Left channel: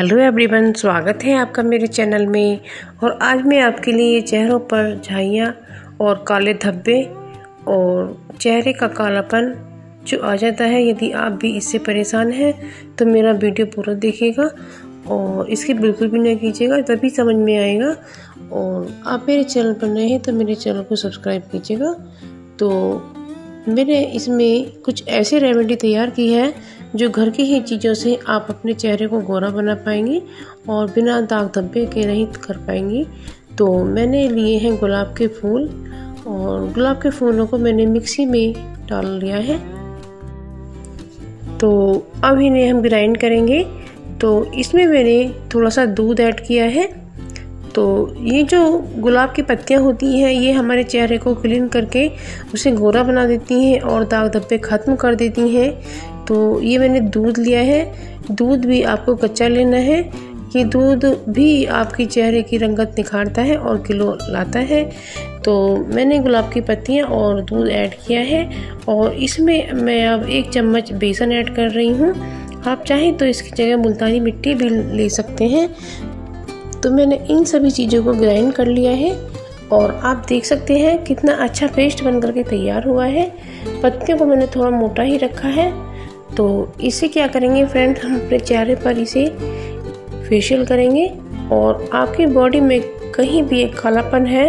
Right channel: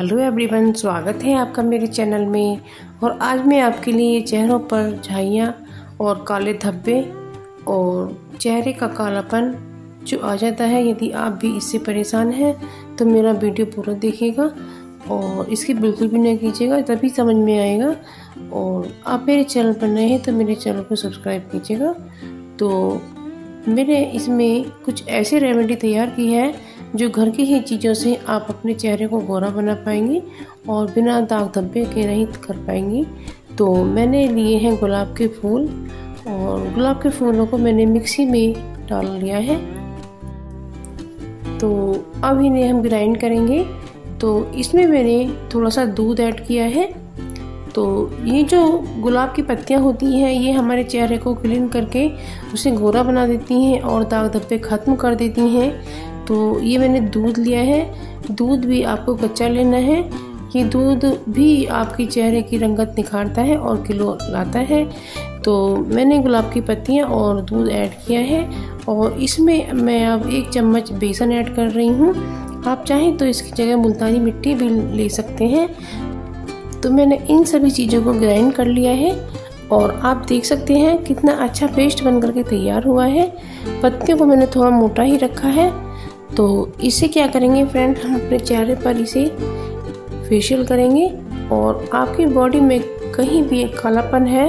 Hello everyone, स्वागत है आपका मेरे चैनल में। और आज मैं आपके लिए चेहरों पर झाइयाँ और काले धब्बे और चेहरे का कालापन जो आ जाता है, यदि आप भी इससे परेशान हैं तो मेरा वीडियो पूरा देखिएगा और इसकी बिल्कुल भी ना कीजिएगा, तभी समझ में आएगा। और आप मेरे चैनल पर नए हैं तो मेरे चैनल को सब्सक्राइब कीजिएगा। तो मैंने इसमें कुछ ऐसी रेमेडी तैयार की है जो घर की ही चीज़ों से आप अपने चेहरे को गोरा बना पाएंगी और बिना दाग धब्बे के रहित कर पाएंगी। तो मैंने लिए हैं गुलाब के फूल और गुलाब के फूलों को मैंने मिक्सी में डाल लिया है। तो अब इन्हें हम ग्राइंड करेंगे। तो इसमें मैंने थोड़ा सा दूध ऐड किया है। तो ये जो गुलाब की पत्तियां होती हैं ये हमारे चेहरे को क्लीन करके उसे गोरा बना देती हैं और दाग धब्बे ख़त्म कर देती हैं। तो ये मैंने दूध लिया है। दूध भी आपको कच्चा लेना है। ये दूध भी आपके चेहरे की रंगत निखारता है और ग्लो लाता है। तो मैंने गुलाब की पत्तियां और दूध ऐड किया है और इसमें मैं अब 1 चम्मच बेसन ऐड कर रही हूँ। आप चाहें तो इसकी जगह मुल्तानी मिट्टी भी ले सकते हैं। तो मैंने इन सभी चीज़ों को ग्राइंड कर लिया है और आप देख सकते हैं कितना अच्छा पेस्ट बन करके तैयार हुआ है। पत्तियों को मैंने थोड़ा मोटा ही रखा है। तो इसे क्या करेंगे फ्रेंड, हम अपने चेहरे पर इसे फेशियल करेंगे और आपकी बॉडी में कहीं भी एक कालापन है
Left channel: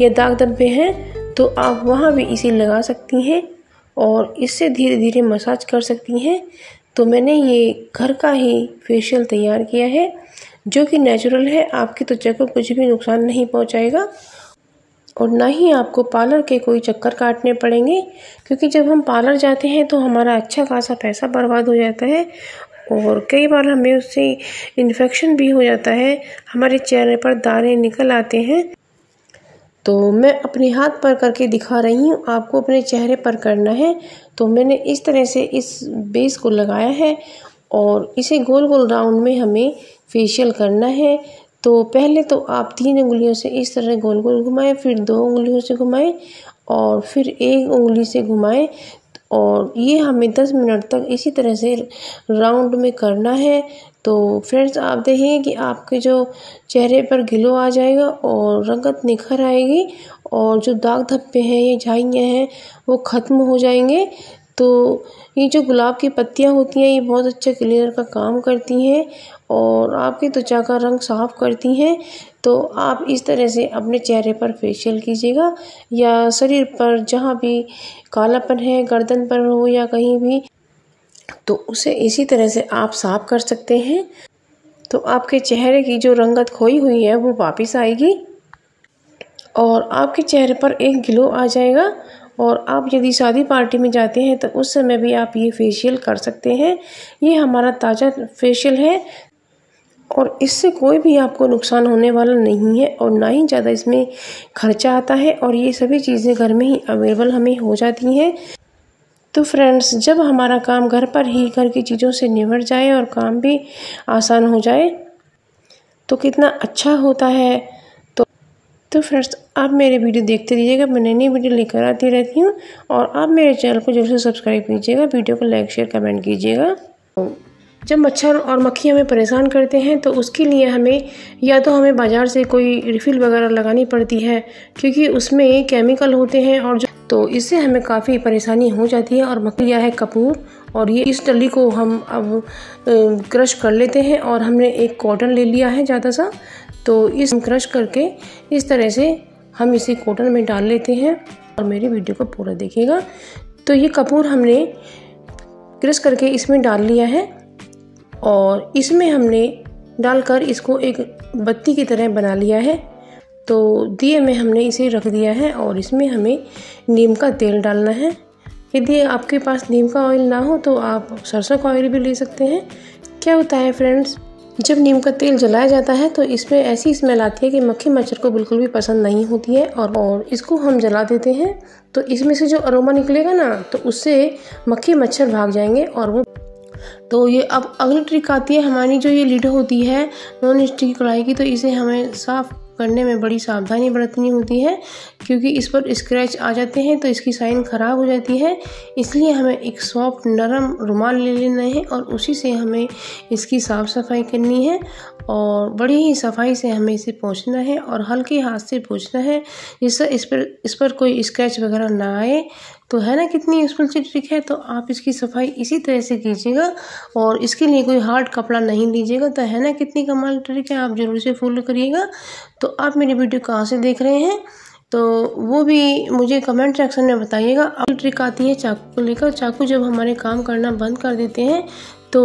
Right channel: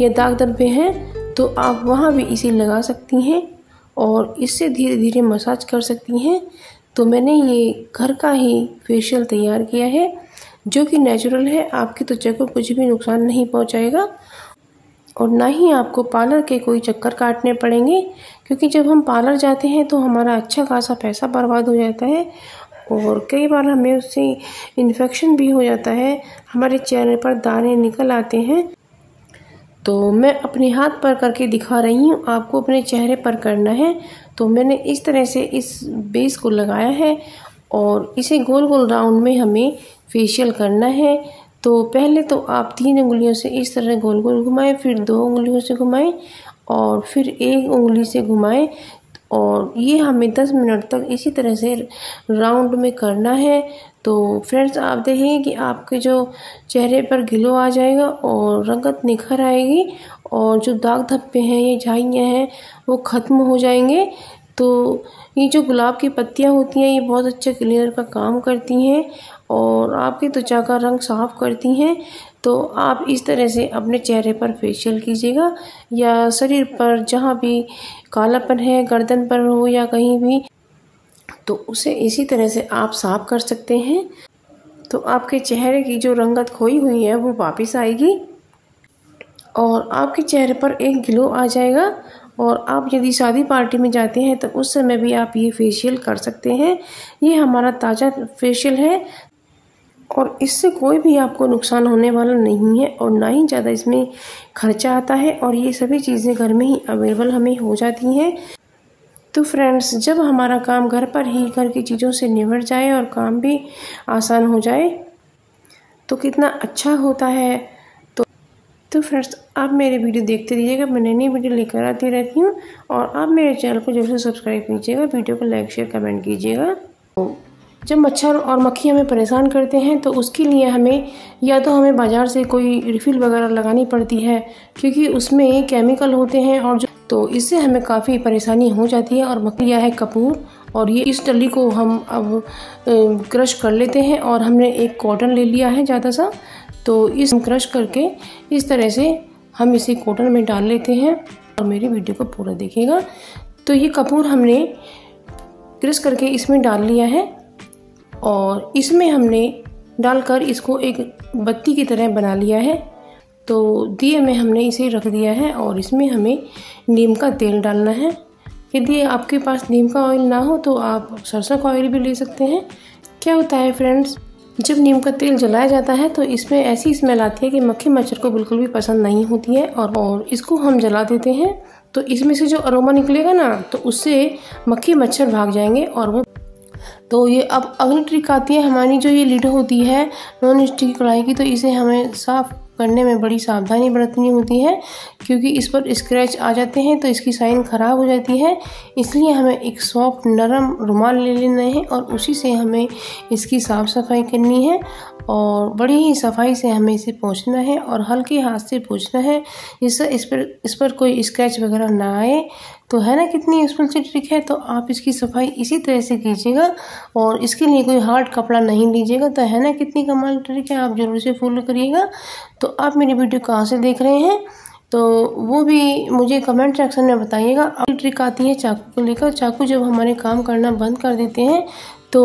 या दाग धब्बे हैं तो आप वहाँ भी इसे लगा सकती हैं और इससे धीरे धीरे मसाज कर सकती हैं। तो मैंने ये घर का ही फेशियल तैयार किया है जो कि नेचुरल है। आपकी त्वचा को कुछ भी नुकसान नहीं पहुंचाएगा और ना ही आपको पार्लर के कोई चक्कर काटने पड़ेंगे, क्योंकि जब हम पार्लर जाते हैं तो हमारा अच्छा खासा पैसा बर्बाद हो जाता है और कई बार हमें उससे इन्फेक्शन भी हो जाता है, हमारे चेहरे पर दाने निकल आते हैं। तो मैं अपने हाथ पर करके दिखा रही हूँ, आपको अपने चेहरे पर करना है। तो मैंने इस तरह से इस बेस को लगाया है और इसे गोल गोल राउंड में हमें फेशियल करना है। तो पहले तो आप 3 उंगलियों से इस तरह गोल गोल घुमाएं, फिर 2 उंगलियों से घुमाएं और फिर 1 उंगली से घुमाएं और ये हमें 10 मिनट तक इसी तरह से राउंड में करना है। तो फ्रेंड्स, आप देखेंगे कि आपके जो चेहरे पर ग्लो आ जाएगा और रंगत निखर आएगी और जो दाग धब्बे हैं, ये झाइयाँ हैं, वो ख़त्म हो जाएंगे। तो ये जो गुलाब की पत्तियाँ होती हैं ये बहुत अच्छे क्लीनर का काम करती हैं और आपकी त्वचा का रंग साफ करती हैं। तो आप इस तरह से अपने चेहरे पर फेशियल कीजिएगा या शरीर पर जहाँ भी कालापन है, गर्दन पर हो या कहीं भी, तो उसे इसी तरह से आप साफ कर सकते हैं। तो आपके चेहरे की जो रंगत खोई हुई है वो वापस आएगी और आपके चेहरे पर एक ग्लो आ जाएगा। और आप यदि शादी पार्टी में जाते हैं तो उस समय भी आप ये फेशियल कर सकते हैं। ये हमारा ताज़ा फेशियल है और इससे कोई भी आपको नुकसान होने वाला नहीं है और ना ही ज़्यादा इसमें खर्चा आता है और ये सभी चीज़ें घर में ही अवेलेबल हमें हो जाती हैं। तो फ्रेंड्स, जब हमारा काम घर पर ही घर की चीज़ों से निबट जाए और काम भी आसान हो जाए तो कितना अच्छा होता है। तो फ्रेंड्स, आप मेरे वीडियो देखते रहिएगा, मैं नई नई वीडियो लेकर आती रहती हूँ और आप मेरे चैनल को जरूर से सब्सक्राइब कीजिएगा, वीडियो को लाइक शेयर कमेंट कीजिएगा। जब मच्छर और मक्खी हमें परेशान करते हैं तो उसके लिए हमें या तो हमें बाज़ार से कोई रिफ़िल वगैरह लगानी पड़ती है, क्योंकि उसमें केमिकल होते हैं और तो इससे हमें काफ़ी परेशानी हो जाती है। और मक्खी है कपूर और ये इस डली को हम अब क्रश कर लेते हैं और हमने एक कॉटन ले लिया है ज़्यादा सा। तो इस क्रश करके इस तरह से हम इसे कॉटन में डाल लेते हैं और मेरी वीडियो को पूरा देखिएगा। तो ये कपूर हमने क्रश करके इसमें डाल लिया है और इसमें हमने डालकर इसको एक बत्ती की तरह बना लिया है। तो दिए में हमने इसे रख दिया है और इसमें हमें नीम का तेल डालना है। यदि आपके पास नीम का ऑयल ना हो तो आप सरसों का ऑयल भी ले सकते हैं। क्या होता है फ्रेंड्स, जब नीम का तेल जलाया जाता है तो इसमें ऐसी स्मेल आती है कि मक्खी मच्छर को बिल्कुल भी पसंद नहीं होती है और इसको हम जला देते हैं तो इसमें से जो अरोमा निकलेगा ना तो उससे मक्खी मच्छर भाग जाएंगे और वो। तो ये अब अगली ट्रिक आती है हमारी, जो ये लिड होती है नॉन स्टिक कढ़ाई की, तो इसे हमें साफ करने में बड़ी सावधानी बरतनी होती है, क्योंकि इस पर स्क्रैच आ जाते हैं तो इसकी शाइन ख़राब हो जाती है। इसलिए हमें एक सॉफ्ट नरम रुमाल ले लेना है और उसी से हमें इसकी साफ़ सफाई करनी है और बड़ी ही सफाई से हमें इसे पोंछना है और हल्के हाथ से पोंछना है, जिससे इस पर कोई स्क्रैच वगैरह ना आए। तो है ना कितनी यूजफुल सी ट्रिक है। तो आप इसकी सफाई इसी तरह से कीजिएगा और इसके लिए कोई हार्ड कपड़ा नहीं लीजिएगा। तो है ना कितनी कमाल ट्रिक है, आप जरूर से फॉलो करिएगा। तो आप मेरी वीडियो कहाँ से देख रहे हैं तो वो भी मुझे कमेंट सेक्शन में बताइएगा। अब ट्रिक आती है चाकू को लेकर। चाकू जब हमारे काम करना बंद कर देते हैं तो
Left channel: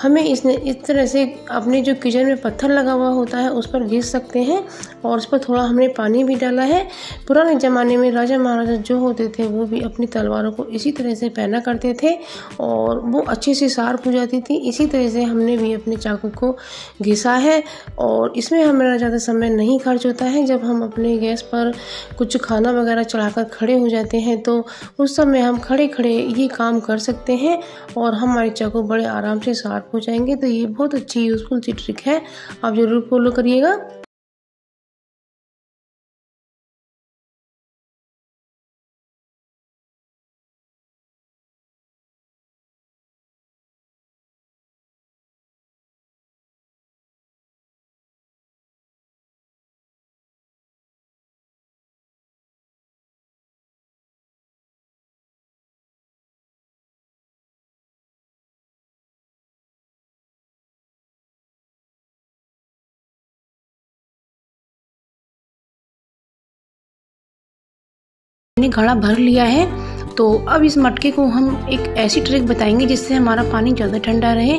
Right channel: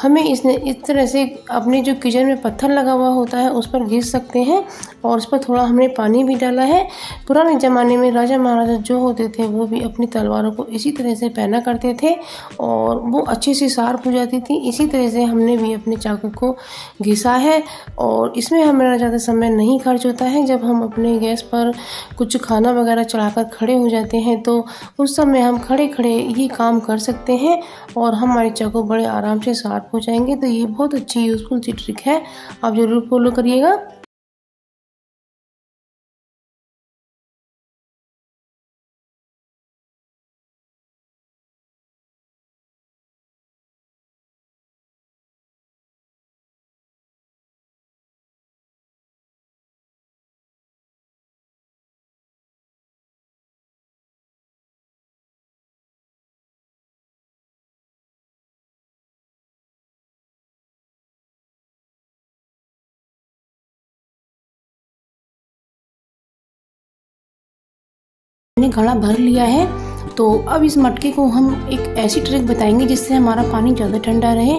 हमें इस तरह से अपने जो किचन में पत्थर लगा हुआ होता है उस पर घिस सकते हैं और उस पर थोड़ा हमने पानी भी डाला है। पुराने ज़माने में राजा महाराजा जो होते थे वो भी अपनी तलवारों को इसी तरह से पहना करते थे और वो अच्छी सी शार्प हो जाती थी। इसी तरह से हमने भी अपने चाकू को घिसा है और इसमें हमारा ज़्यादा समय नहीं खर्च होता है। जब हम अपने गैस पर कुछ खाना वगैरह चढ़ाकर खड़े हो जाते हैं तो उस समय हम खड़े खड़े ये काम कर सकते हैं और हमारे चाकू बड़े आराम से शार्प हो जाएंगे। तो ये बहुत अच्छी यूजफुल सी ट्रिक है, आप जरूर फॉलो करिएगा। मैंने घड़ा भर लिया है। तो अब इस मटके को हम एक ऐसी ट्रिक बताएंगे जिससे हमारा पानी ज़्यादा ठंडा रहे।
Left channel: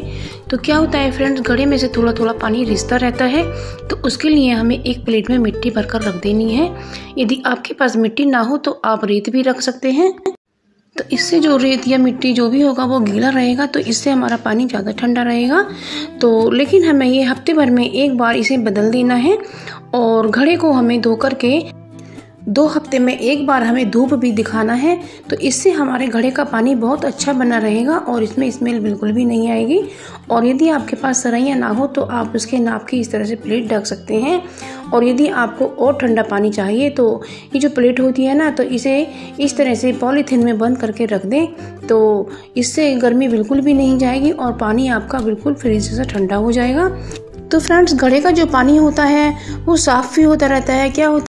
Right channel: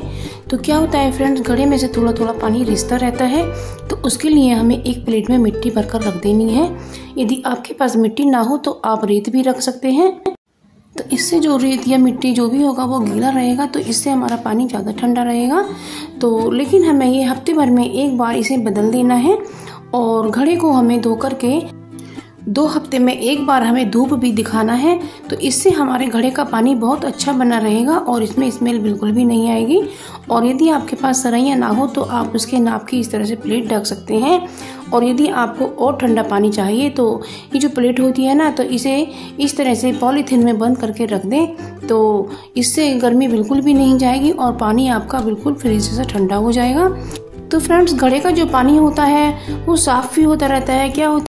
तो क्या होता है फ्रेंड्स, घड़े में से थोड़ा थोड़ा पानी रिसता रहता है, तो उसके लिए हमें एक प्लेट में मिट्टी भरकर रख देनी है। यदि आपके पास मिट्टी ना हो तो आप रेत भी रख सकते हैं। तो इससे जो रेत या मिट्टी जो भी होगा वो गीला रहेगा, तो इससे हमारा पानी ज़्यादा ठंडा रहेगा। तो लेकिन हमें ये हफ्ते भर में एक बार इसे बदल देना है और घड़े को हमें धो करके 2 हफ्ते में एक बार हमें धूप भी दिखाना है। तो इससे हमारे घड़े का पानी बहुत अच्छा बना रहेगा और इसमें स्मेल बिल्कुल भी नहीं आएगी। और यदि आपके पास सरैया ना हो तो आप उसके नाप की इस तरह से प्लेट ढक सकते हैं। और यदि आपको और ठंडा पानी चाहिए तो ये जो प्लेट होती है ना, तो इसे इस तरह से पॉलीथीन में बंद करके रख दें, तो इससे गर्मी बिल्कुल भी नहीं जाएगी और पानी आपका बिल्कुल फ्रिज से ठंडा हो जाएगा। तो फ्रेंड्स, घड़े का जो पानी होता है वो साफ भी होता रहता है। क्या होता